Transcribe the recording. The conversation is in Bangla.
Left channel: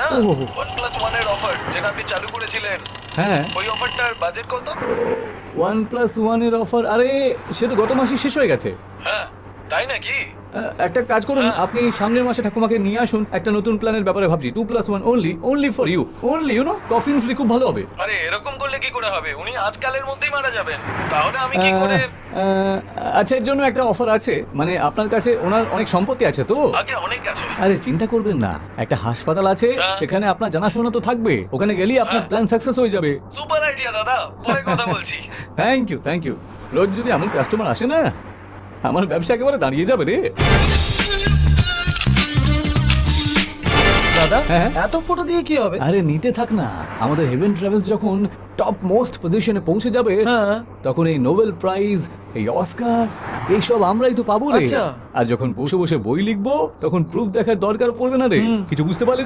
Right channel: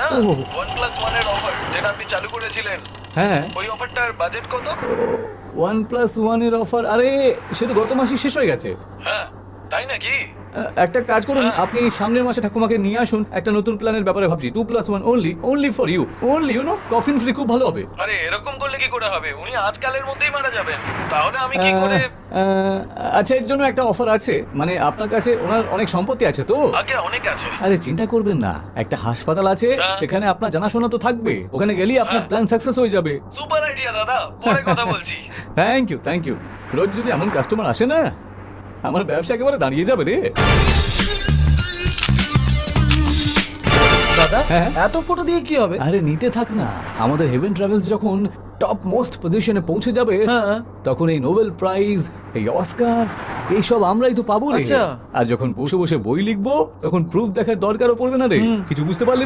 না ও। 1+1 এর অফার যেটা আপনি চালু করেছিলেন, হ্যাঁ, ওই অফারটার বাজেট কত? 1+1 এর অফার, আরে সে তো গত মাসে শেষ হয়ে গেছে। হ্যাঁ, তাই নাকি? একটা কাজ করুন, আপনি সামনের মাসে ঠাকুমাকে নিয়ে আসুন, একটা নতুন প্ল্যানের ব্যাপারে ভাবছি। 2+1 only for you, coffin free, খুব ভালো হবে। আরে এরকম করলে কি করে হবে? উনি আজকালের মধ্যেই মারা যাবেন। তাহলে আমি কি করে? আচ্ছা, এর জন্য একটা অফার আছে, মানে আপনার কাছে ওনার অনেক সম্পত্তি আছে তো। আগে অনেক আছে। আরে চিন্তা করবেন না, একটা হাসপাতাল আছে, এখানে আপনার জানাশোনা তো থাকবে, ওখানে গেলেই আপনার প্ল্যান সাকসেস হয়ে যাবে। সুপার আইডিয়া দাদা, পরে কথা বলছি। Thank you. রোজ যদি এমন কাস্টমার আসে না, আমার ব্যবসা একেবারে দাঁড়িয়ে যাবে রে। দাদা হ্যাঁ? এত ফটো দিয়ে কি হবে? আরে নিতে থাক না, আমাদের হেভেন ট্রাভেলস যখন টপ মোস্ট পজিশনে পৌঁছে যাবে, হ্যাঁ। তখন এই নোবেল প্রাইজ, এই অস্কার, এইসব আমরাই তো পাবো রে। আচ্ছা। আর যখন বসে বসে বই লিখবো, তখন প্রুফ দেখার দরকারও পড়বে না রে। কিছু বুঝতে পারলে তো?